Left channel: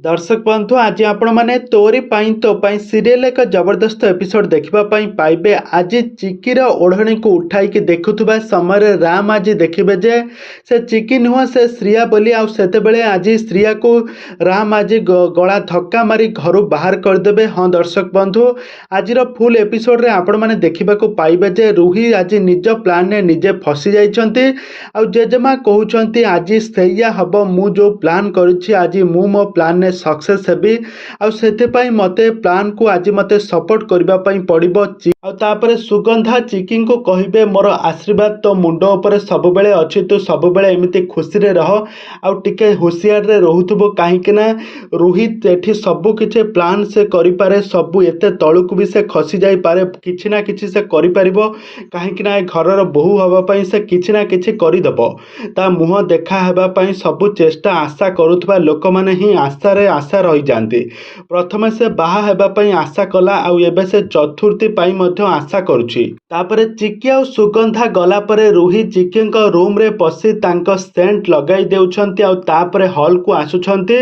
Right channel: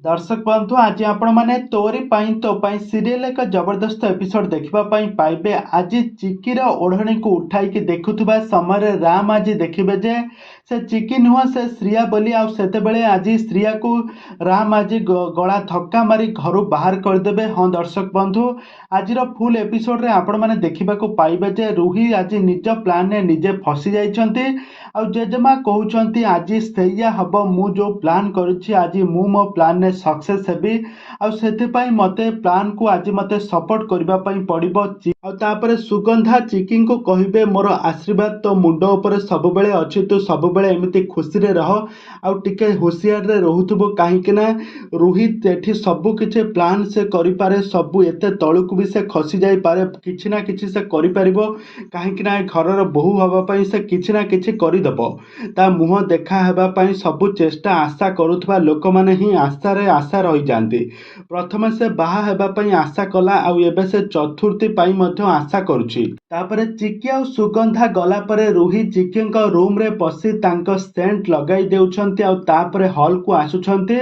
दर्शक बंधु आज आपण मैंने तोरी पाई तो पाई सीरियल एक जबरदस्त एपिसोड देखा पाइबे। आज चिकीर ओढ़णी को उठाई देखुवा समय राम आज देखिए जे से चिकी नुह से श्रिया बोली आते आज श्रिया को राम आज गला धक्का मारी घर बाहर करदे। हाँ दर्शक बंधु आज फुल एपिसोड रे आपण मैंने देखा पाइबे जे रूही आज निज प्लान ने निजे फसी जाइछंती। आ जेजेमा कहउछंती आज सैया हब मु जो प्लान करूछि आज मु मो प्लान ने सक्सेस हेबी आउ मते प्लान को आज मते सपोर्ट करबा पई पड़िबो। तापर सुगंधा चिकी को कहिबे मोर आशीर्वाद तो मुंड उपरे सब बेले अछि तू सब बेले एमिति खुशी रे रह आउ टिके होशियार रे रहउथबो काहेकि ना रोहित एठी सब किछि प्लान से करि पारे सब एते तळुक भी से खसी जाई पारे किछि ना किछि से करि परिबो काहेकि ना घरर बहु हवा पई से किछि ना किछि करि दबो। ता मुह देखा हेबा पई सब चेष्टा आशा करुथबा लोक माने ही आशा रे आशा रही जांती। प्रथम से बाहा हेबा पई आशा कला आउ एबे से चतुर्थी पई आशा करुछि। तापरे चिकी आ सुगंधा गला परे रूही चिकी रूम रे पसी तांको सेंट लगाई देउछंती आ तापरे हॉल को आसुछंती।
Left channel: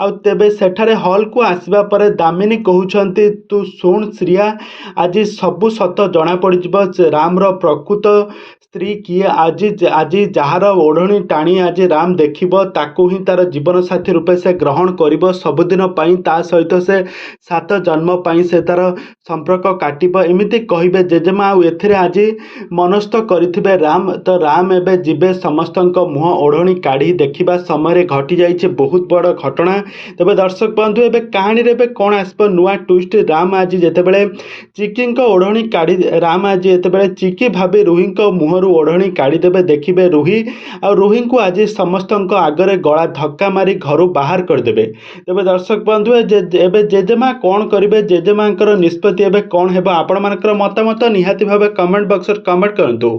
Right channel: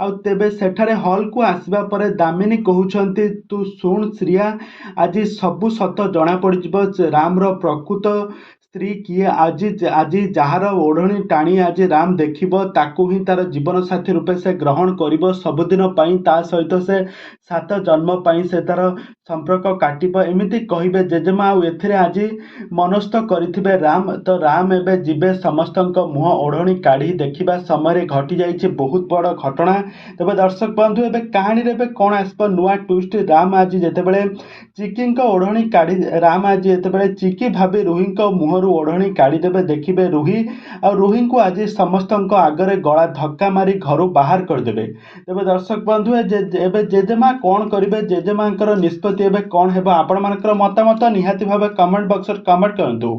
आ तेबे सेठारे हॉल को आसीबा परे दामिनी कहउछंती तू सुन श्रिया आज सबु सत जना पड़िजिबो राम रो प्रकृत स्त्री किए आज आज जार ओढ़णी टाणी आज राम देखिबो ताकू ही तार जीवन साथी रूपे से ग्रहण करिबो सबुदिन पई ता सहित से 7 जन्म पई से तार संपर्क काटिबो एमिति कहिबे जेजेमा आ एथिरे आज मनस्थ करिथिबे राम। तो राम एबे जिबे समस्तक मुह ओढ़णी काढ़ी देखिबा समय घटी जाइछे बहुत बड़ घटना। तबे दर्शक बंधु एबे कहानी रे एबे कोन आसबो नुआ ट्विस्ट राम आज जेतेबेले चिकी ओढ़णी काढ़ी राम आज जेतेबेले चिकी भाबे रूही मुह ओढ़णी काढ़ी देबे देखिबे रूही आ रूही को आज समस्त आगरे गला धक्का मारी घर बाहर करदेबे। तेबे दर्शक बंधु एबे जेजेमा कौन करिवे जेजेमा निष्पत्ति एबे कौन हेबा आपण मानकर मतामत निहाती भाबे कमेंट बॉक्स रे कमेंट करंतु।